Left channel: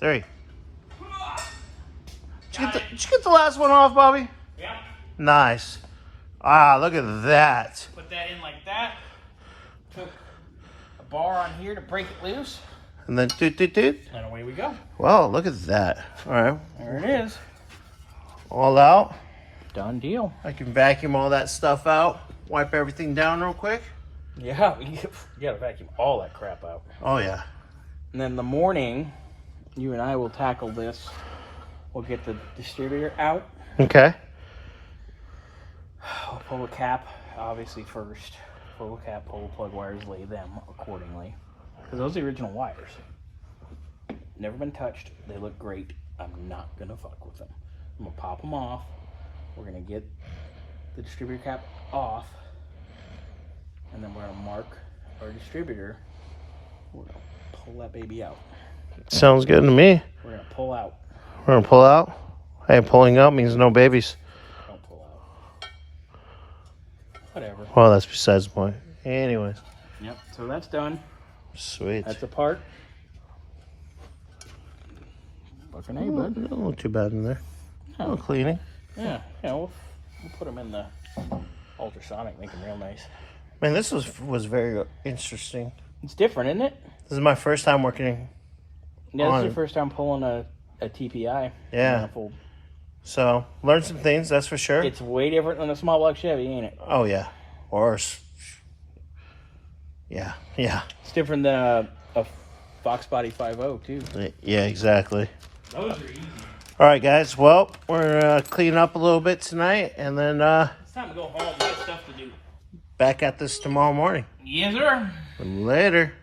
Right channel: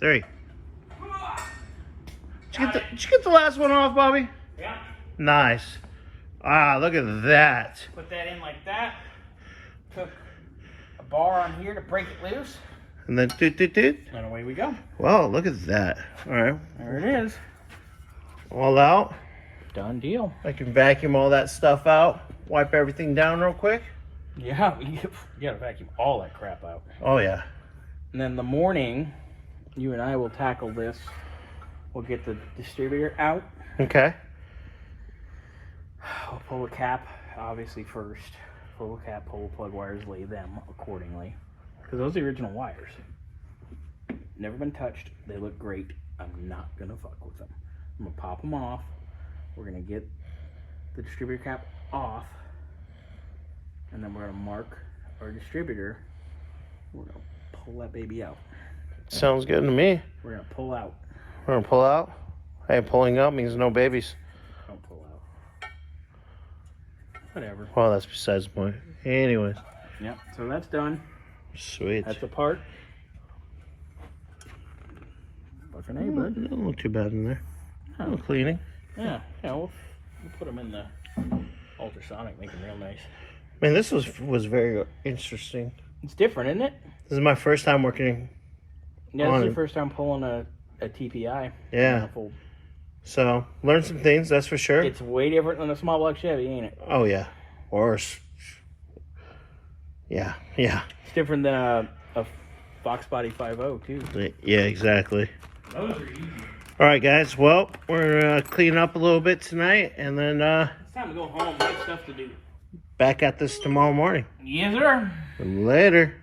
3. Did you get the last one off, Bobby? Yep. Nice. Ah, look at that. Put that in like that. Took a bar on here to break it loose. And then doot. And away we go. Well, look at that. All right. There it is. All out. Done deal. I can vacuum all that stuff out. Wipe everything down real quick. Yeah, you gotta vacuum all that crap out. Oh, yeah. And then the morning, you and I will tackle this. We'll get the distributor out. Okay. We'll pull the cap, obviously, first. Pull the cap, pull the plug wires, lay them accordingly. Because those are the original wires. Never been touched. They look great. I'm not going to fuck with them. I'm going to pop them off. We're going to get the distributor cap off. And then we're going to mark our distributor. We're going to pull that baby out. Sounds good to me. We're going to pull out. We're going to pull out. Hey, pulling out means no babies. Don't pull out. Whatever. Well, that's besides the point. Anyway. Yep, so that's done. Sweet. That's apart. Looking at Oh, you, bud. don't look too bad in there. A little cleaning. Yeah, we'll put them in the ultrasonic, make them real nice. Man, this was very interesting. It's different, isn't it? This is my first time working. Yeah, On this is it. your first time pulling a TPI. Yeah. So, learned some things, that's for sure. It's way different than a small block Chevy, ain't it? Oh, yeah. Or, yeah. It's different than a Fox Body 5.0, too. Yeah, exactly. Those are easy. All right, guys. Well, we're cleaning up a little bit tonight, and then It's time to go home. We got stuff to do. back at this tomorrow morning. Yes, sir. Later.